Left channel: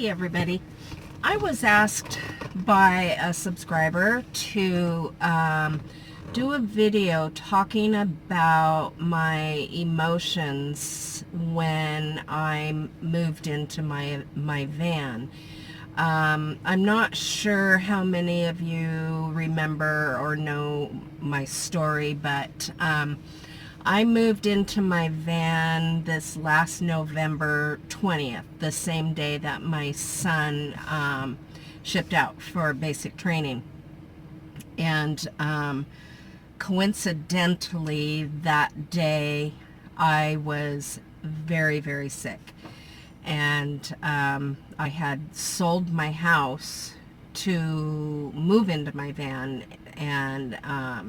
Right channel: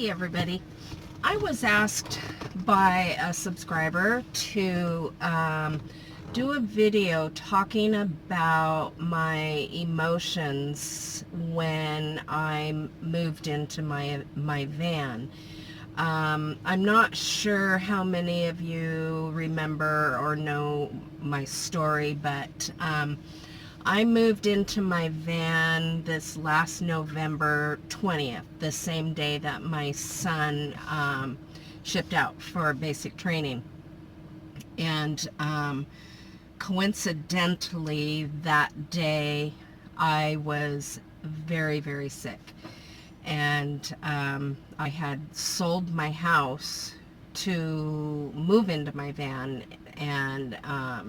Hey everybody. I was asked by a subscriber to do a video talking about my emotions when I moved into my van. I'm not sure how many of you remember or know my story, but I moved into my van this last November 20th, the same day that my son shipped out for basic training. And coincidentally, that day I was very, very sick. And I had sold my house to move into my van and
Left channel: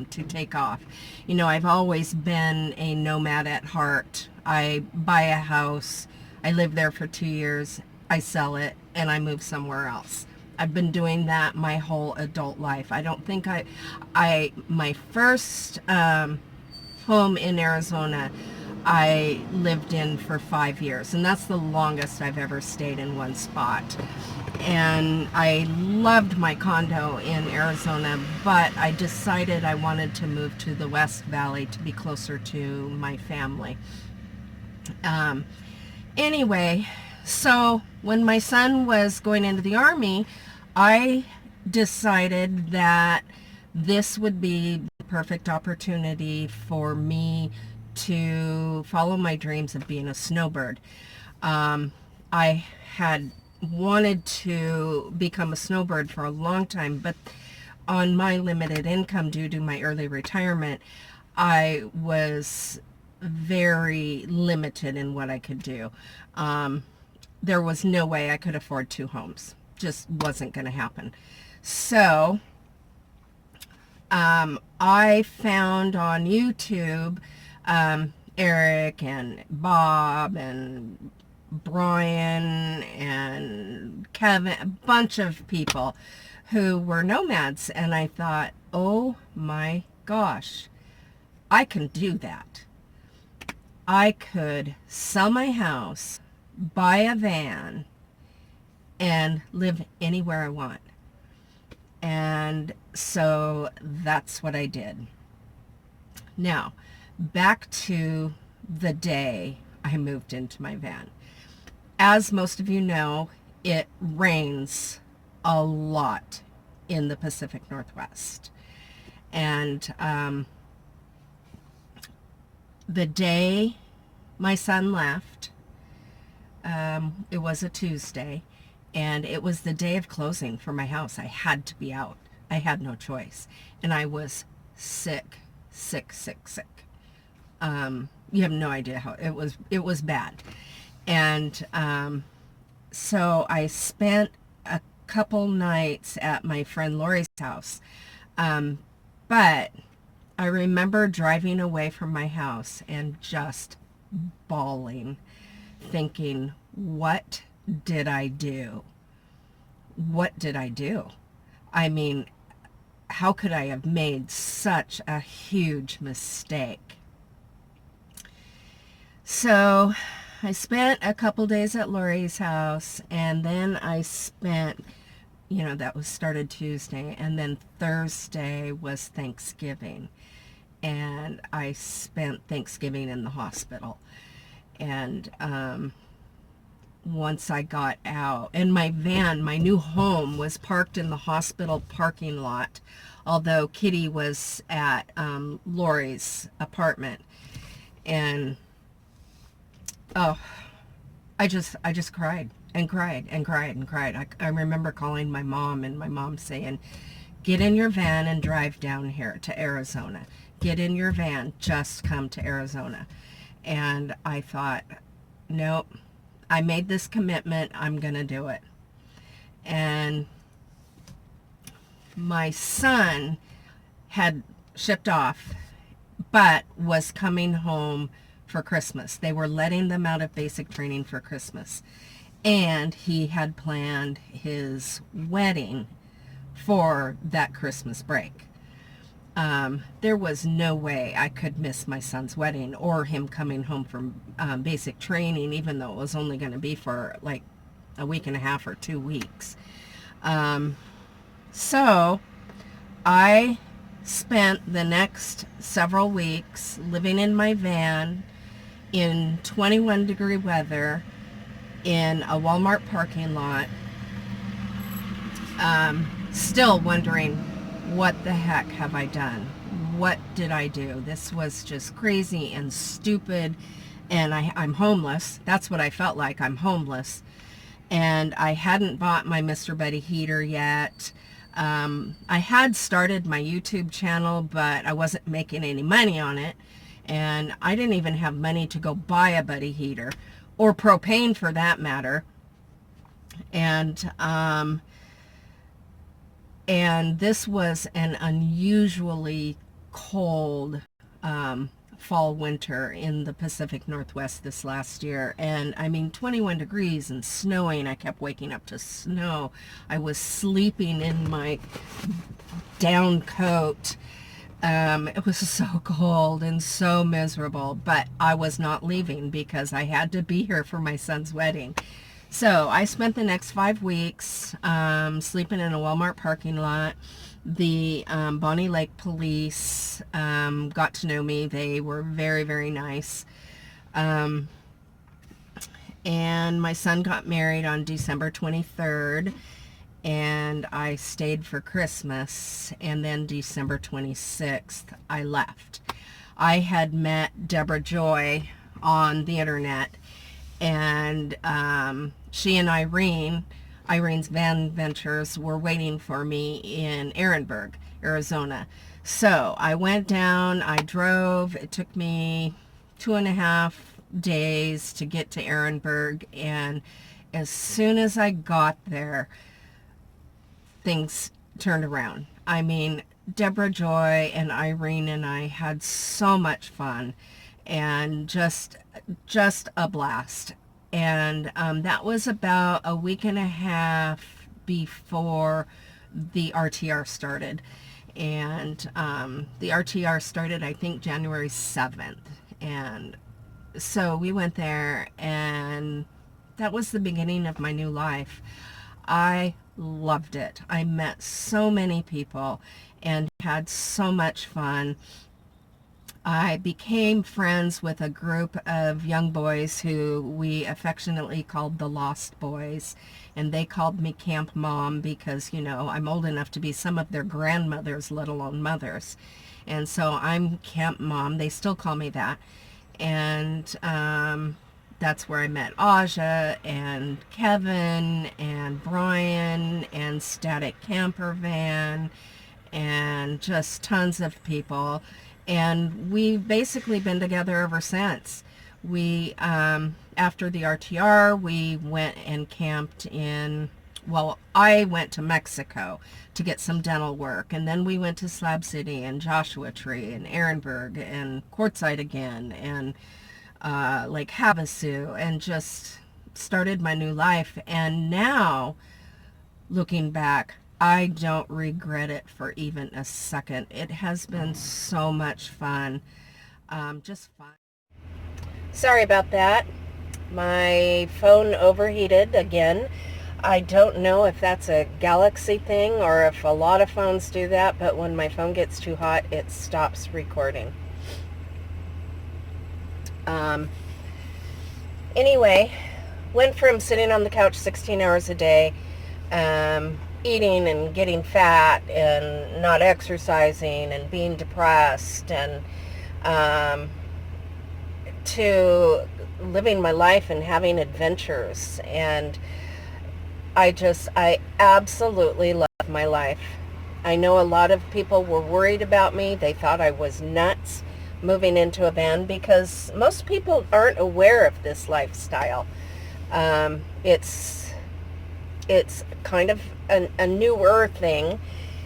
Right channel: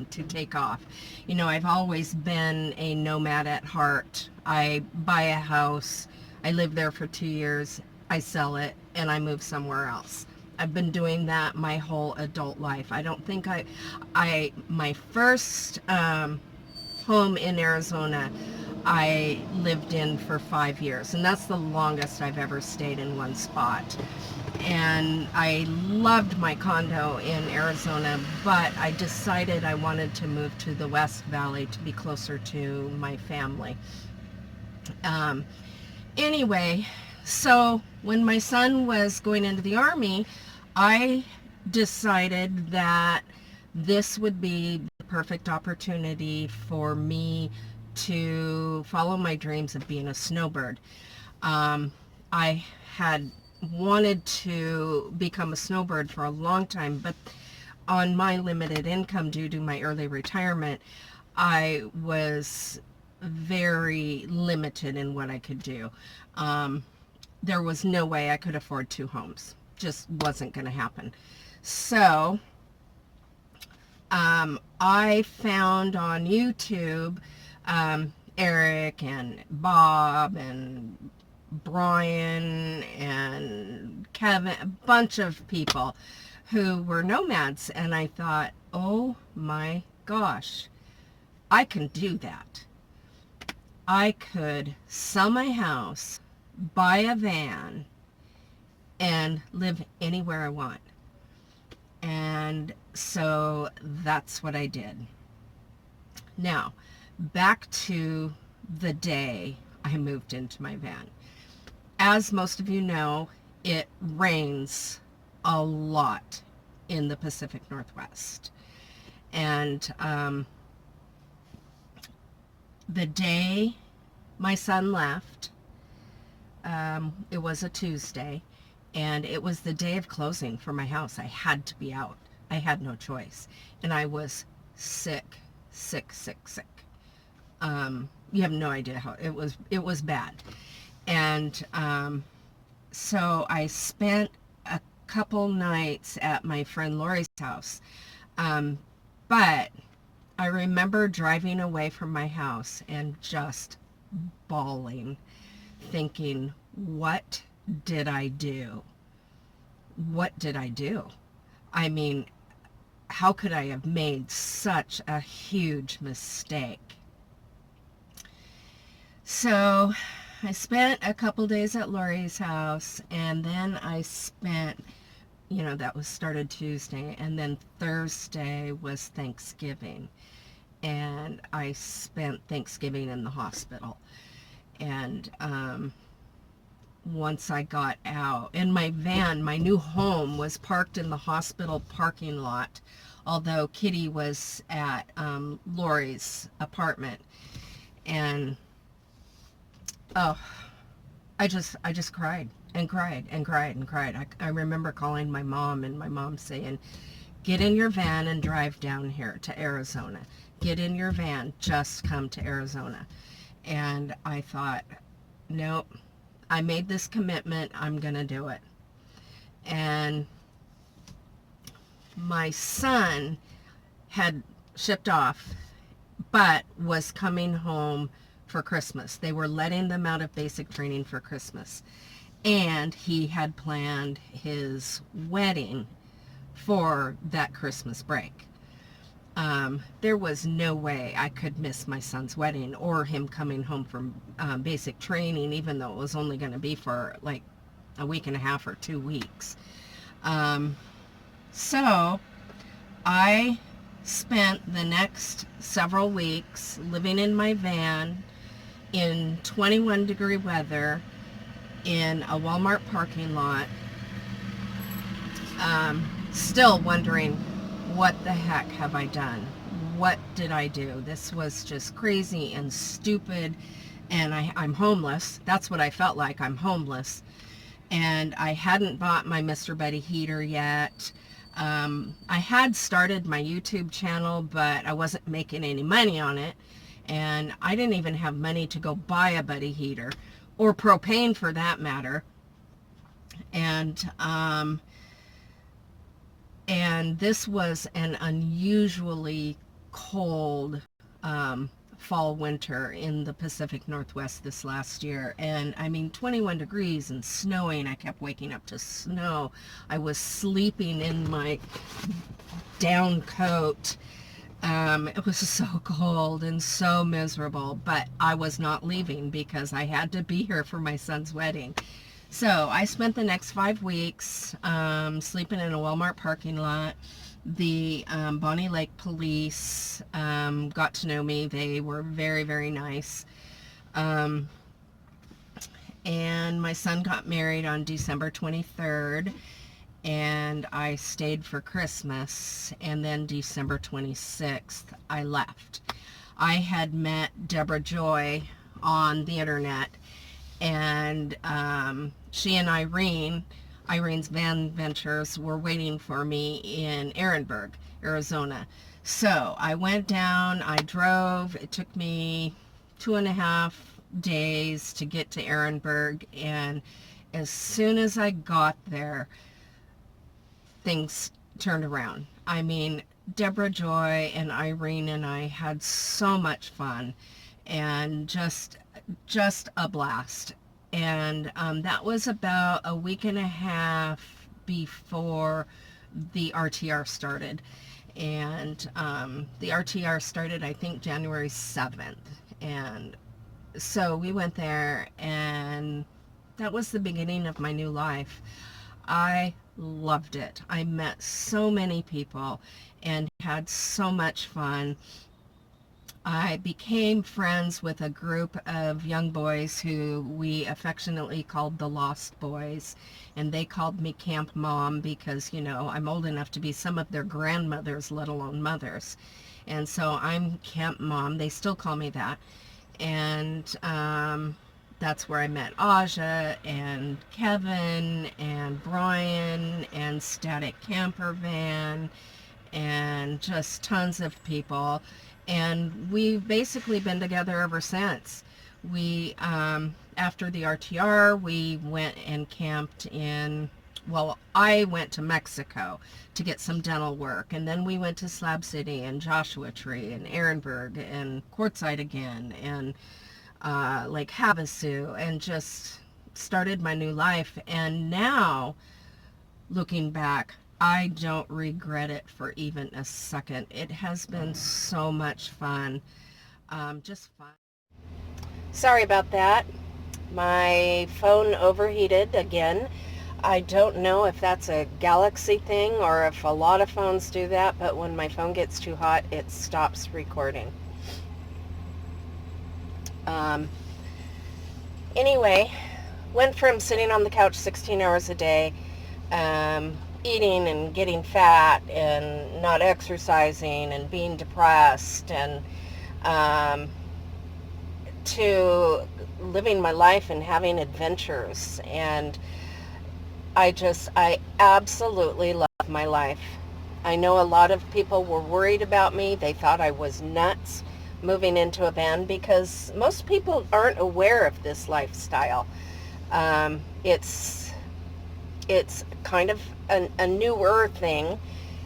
to take off. You know, I've always been a nomad at heart. I buy a house, I live there for 2 years, I sell it, and I move somewhere else. I've been doing that my whole adult life. I don't think my first home in Arizona, I lived in for 5 years, and that's the longest I've ever stayed in one spot. And I loved my condo in Arizona, but I decided I wanted to move to the West Valley to be closer to my family. Anyway, so when my son was going into the Army, I decided that this would be the perfect opportunity for me to follow my dreams of being a snowbird. I had wanted to become a snowbird for a long time, but on my limited income due to my early retirement, I was very limited in what I could do. There was no way I could afford 2 homes. Just wasn't going to happen. So I found on YouTube Eric and Bob and Brian and Kevin, a bunch of people who were nomads, and I thought, oh my gosh, I can do that. I could sell my house, buy a van, and live anywhere I want. And so that's what I did. Now, back to the day I moved into my van. As most of you know, it rains a lot in the Pacific Northwest. And the day my son left, it was a Tuesday, and it was the day of closing for my house. I had to be out. I had no choice. And I was sick. You have no idea how it was bad. And so I spent a couple nights at my friend Lori's house. But I remember driving away from my house and just bawling, thinking, what did I do? What did I do? I mean, how could I have made such a huge mistake? So I spent a couple days at Lori's house, and then I spent, that was started Tuesday, and then Thursday was Thanksgiving. And I spent Thanksgiving in the hospital. And once I got out, and my van, my new home, was parked in the hospital parking lot, although Kitty was at Lori's apartment. And I just cried and cried and cried and cried. I remember calling my mom, and my mom saying, get in your van and drive down here to Arizona. Get in your van, just come to Arizona. And I thought, nope, I made this commitment, I'm gonna do it. And my son had shipped off, but was coming home for Christmas. They were letting them out of basic training for Christmas. And he had planned his wedding for that Christmas break. There was no way I could miss my son's wedding or him coming home from basic training, even though it was only going to be for like a week and a half or 2 weeks. So I spent the next several weeks living in my van in 21 degree weather in a Walmart parking lot, still wondering, what the heck have I done? What did I do? This was just crazy and stupid, and I'm homeless. That's what I felt like. I'm homeless, and I hadn't bought my Mr. Buddy heater yet. I had started my YouTube channel, but I wasn't making any money on it, and I didn't even have money to go buy a Buddy heater, or propane for that matter. And this was an unusually cold fall winter in the Pacific Northwest this last year. And I mean, 21 degrees and snowing. I kept waking up to snow. I was sleeping in my down coat. It was so cold and so miserable, but I was not leaving because I had to be here for my son's wedding. So I spent the next 5 weeks sleeping in a Walmart parking lot. The Bonnie Lake police got to know me. They were very, very nice. And my son got married on December 23rd, and I stayed for Christmas, and then December 26th, I left. I had met Deborah Joy on the internet, and she and Irene's Van Ventures, were waiting for me in Ehrenberg, Arizona. So I went down, I drove. It took me 2.5 days to get to Ehrenberg, and as soon as I got there, things turned around. I mean, Deborah Joy and Irene and I had so much fun, and just a blast. And that was about a week and a half before the RTR started. And the RTR started, I think, January 7th. And so we went there, and that was the beginning of my new life. I loved it. I met so many people and had so much fun. I became friends with a group of young boys who we affectionately called the Lost Boys, and they called me Camp Mom because, you know, I'm old enough to be some of their grandmothers, let alone mothers. And so I'm Camp Mom. They still call me that. And that's where I met Aja and Kevin and Brian and Static Camper Van and just tons of people. And we've basically been together ever since. We, after the RTR, we went and camped I went to Mexico to get some dental work. And then we went to Slab City and Joshua Tree and Ehrenberg and Quartzsite again and Lake Havasu, and just started my new life. And now, looking back, I don't regret it for even a second. It has been so much fun. Just fun. Sorry about that. My phone overheated again. I don't know if that's a Galaxy thing or if a lot of phones do that, but when my phone gets too hot, it stops recording. Anyway, went from sitting on the couch 16 hours a day, eating and getting fat and not exercising and being depressed, and to living my life and having adventures. And I absolutely love my life. I know a lot of people were worried about me. They thought I was nuts moving into a van, because most people aren't aware of this lifestyle. It's kind of a newer thing,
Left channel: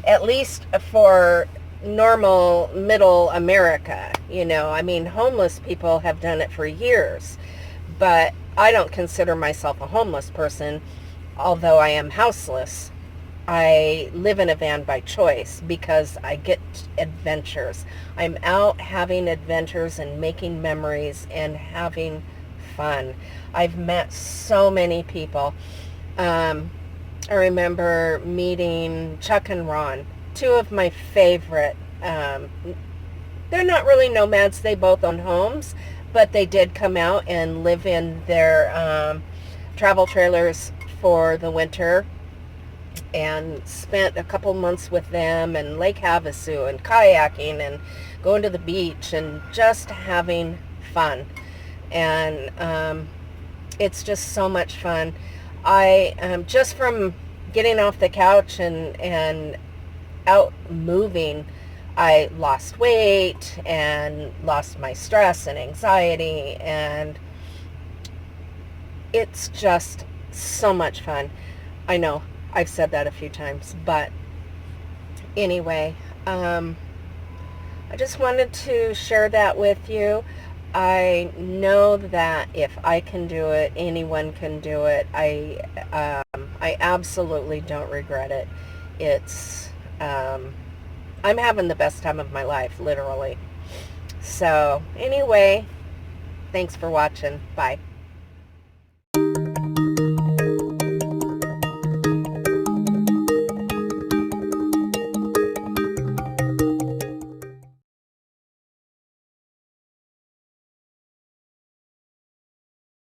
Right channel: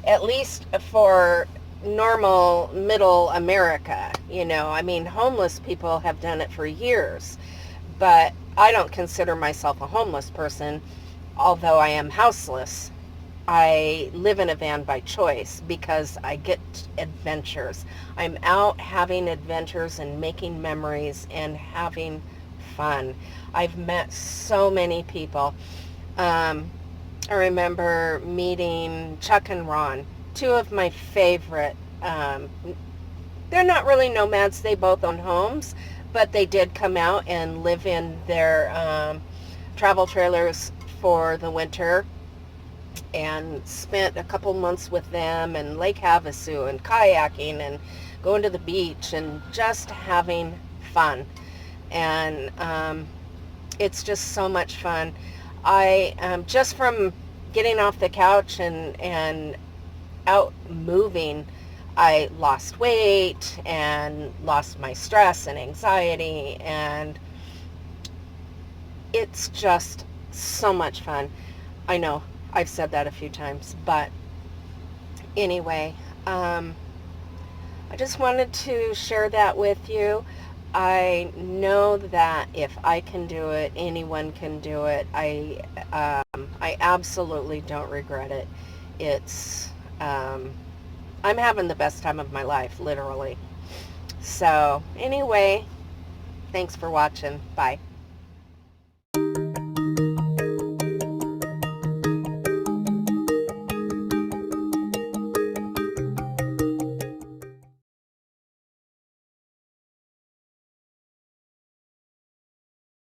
at least for normal middle America. You know, I mean, homeless people have done it for years, but I don't consider myself a homeless person, although I am houseless. I live in a van by choice because I get adventures. I'm out having adventures and making memories and having fun. I've met so many people. I remember meeting Chuck and Ron, two of my favorite. They're not really nomads. They both own homes, but they did come out and live in their travel trailers for the winter, and spent a couple months with them, and Lake Havasu and kayaking and going to the beach and just having fun. And it's just so much fun. I just from getting off the couch and out moving, I lost weight and lost my stress and anxiety, and it's just so much fun. I know I've said that a few times, but anyway, I just wanted to share that with you. I know that if I can do it, anyone can do it. I absolutely don't regret it. It's I'm having the best time of my life, literally. So anyway, thanks for watching. Bye.